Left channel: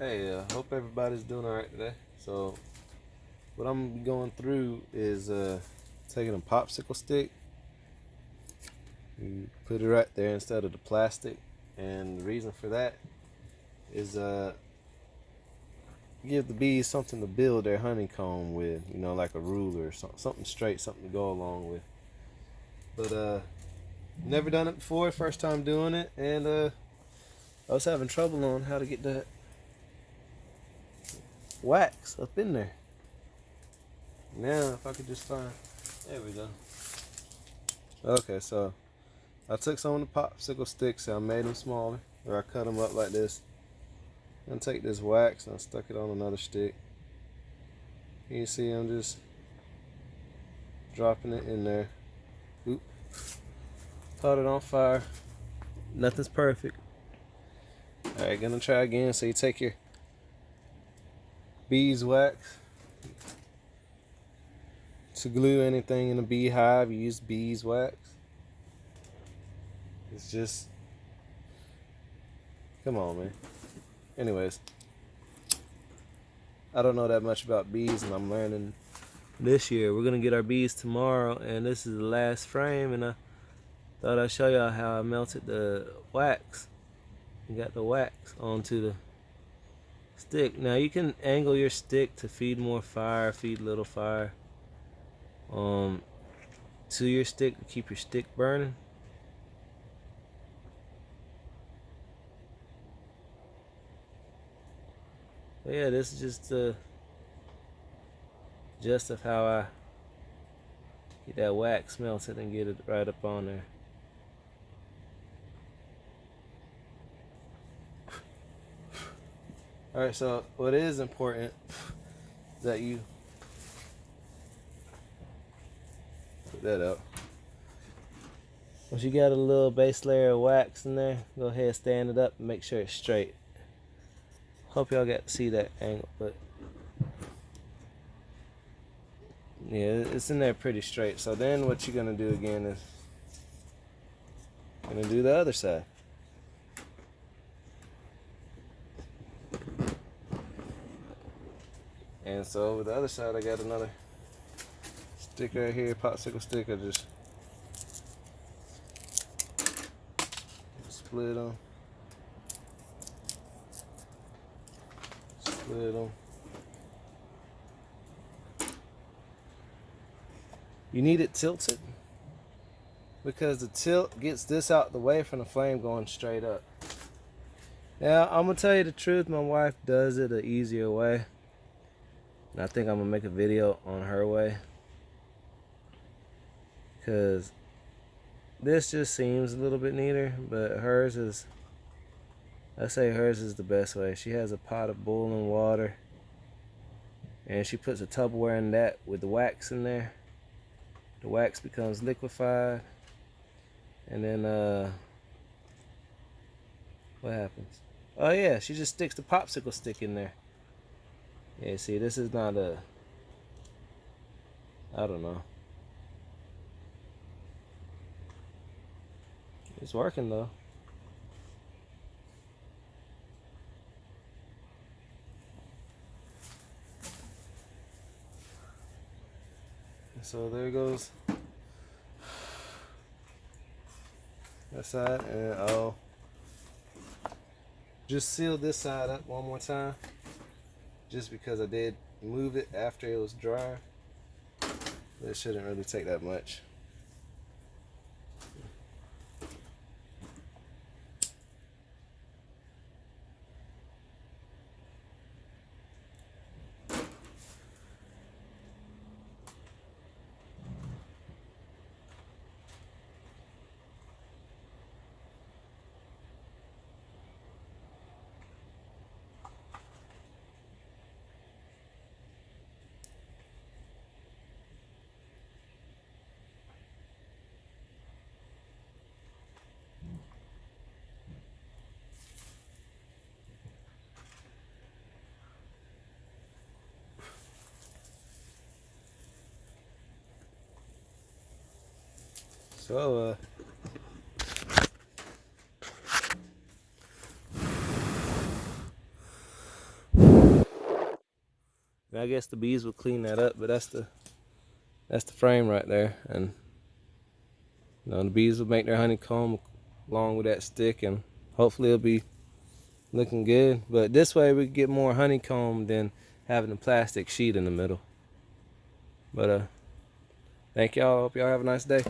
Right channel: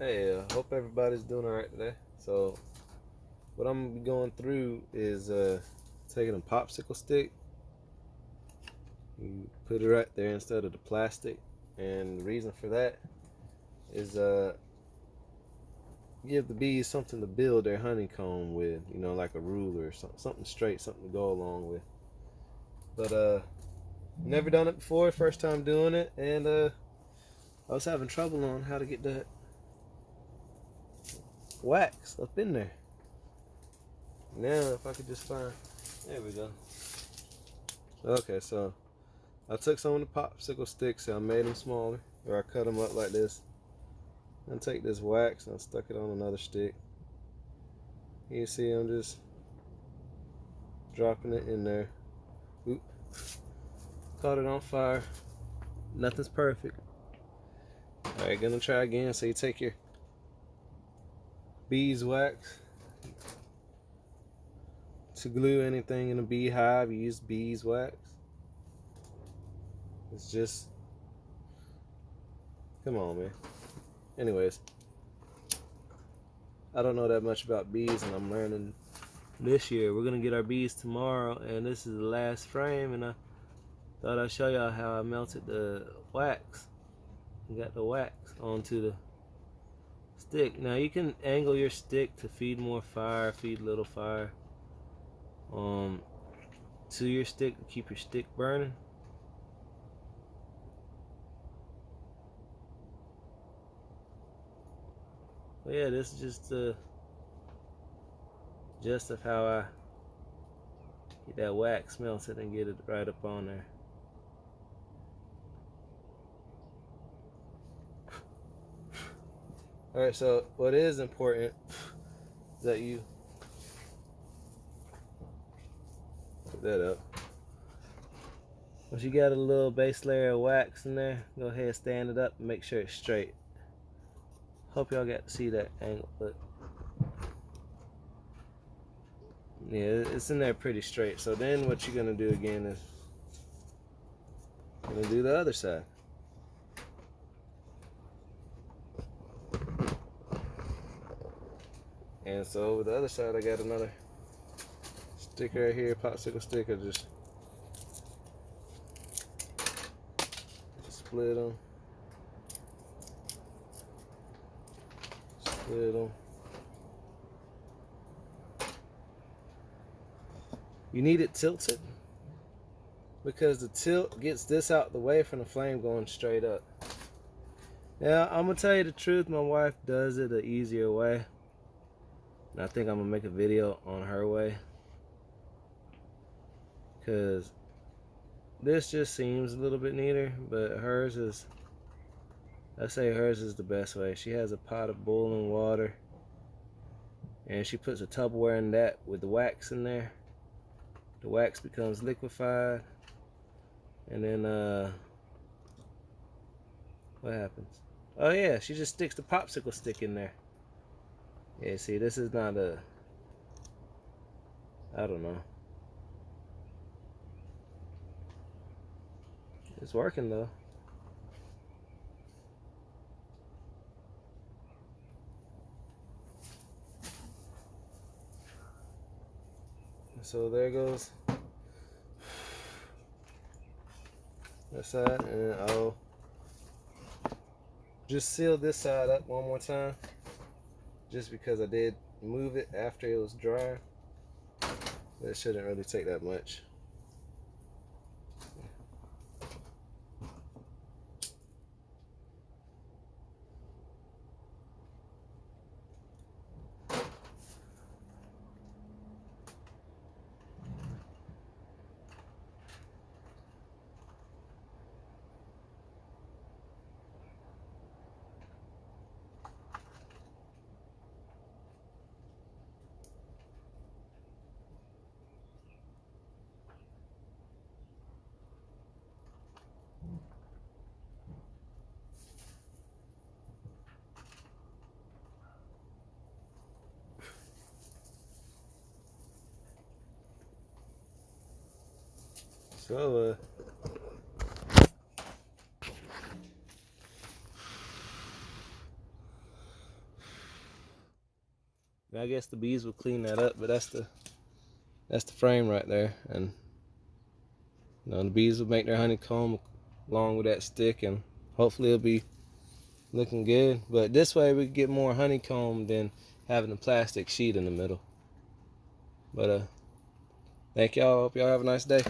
Hey, hope everybody's doing alright today. So, what I'm gonna be going through is taking a popsicle stick, you put it right there instead of the plastic, and the reason for that is give the bees something to build their honeycomb with, like a ruler or something straight, something to go along with. But never done it before, first time doing it, and I was having trouble on how to get the wax up in there. Now if I could just find, there we go. Okay, so I took some of the popsicle sticks and I made them smaller, or I cut them up like this, and take this wax and I stuck it on another stick. You see I'm just dropping it in there. Oop. Caught it on fire. Nothing's perfect. Alright, gonna try again. So you take your beeswax. To glue anything in a beehive, you use beeswax. It's just, come on, man. Anyways, I don't know that much about bees, and I'm learning this year. We're gonna get our bees tomorrow, and this is the last frame, and I thought I'd show y'all how I melted the wax. You got the wax onto the stick. Now you can angle your stick to feed more fire, feed little fire to your stick to keep your stick burning. But yeah, this is just the gist of how I get that wax melted and get it right up on there. Alright, so what is important is that you put that up. Once you got a little base layer of wax in there, go ahead, stand it up and make sure it's straight. Hope y'all got to see that angle, but yeah, it's in there pretty straight. So then what you're gonna do again is you're gonna do the other side. And so over the other side, I got another stick right here, popsicle stick. I just split them. Split them. You need it tilted because the tilt gets this out the way from the flame going straight up. Now, I'm gonna tell you the truth, my wife does it an easier way. And I think I'm gonna make a video on her way, because this just seems a little bit neater, but hers is, I say hers is the best way. She has a pot of boiling water and she puts a Tupperware in that with the wax in there. The wax becomes liquefied, and then what happens? Oh yeah, she just sticks the popsicle stick in there. Yeah, see, this is not a, I don't know. It's working though. So there goes that side, and I'll just seal this side up one more time, just because I did move it after it was dry. But it shouldn't really take that much. So And I guess the bees will clean that up, but that's the frame right there. And you know, the bees will make their honeycomb along with that stick, and hopefully it'll be looking good. But this way we get more honeycomb than having a plastic sheet in the middle. But thank y'all. Hope y'all have a nice day.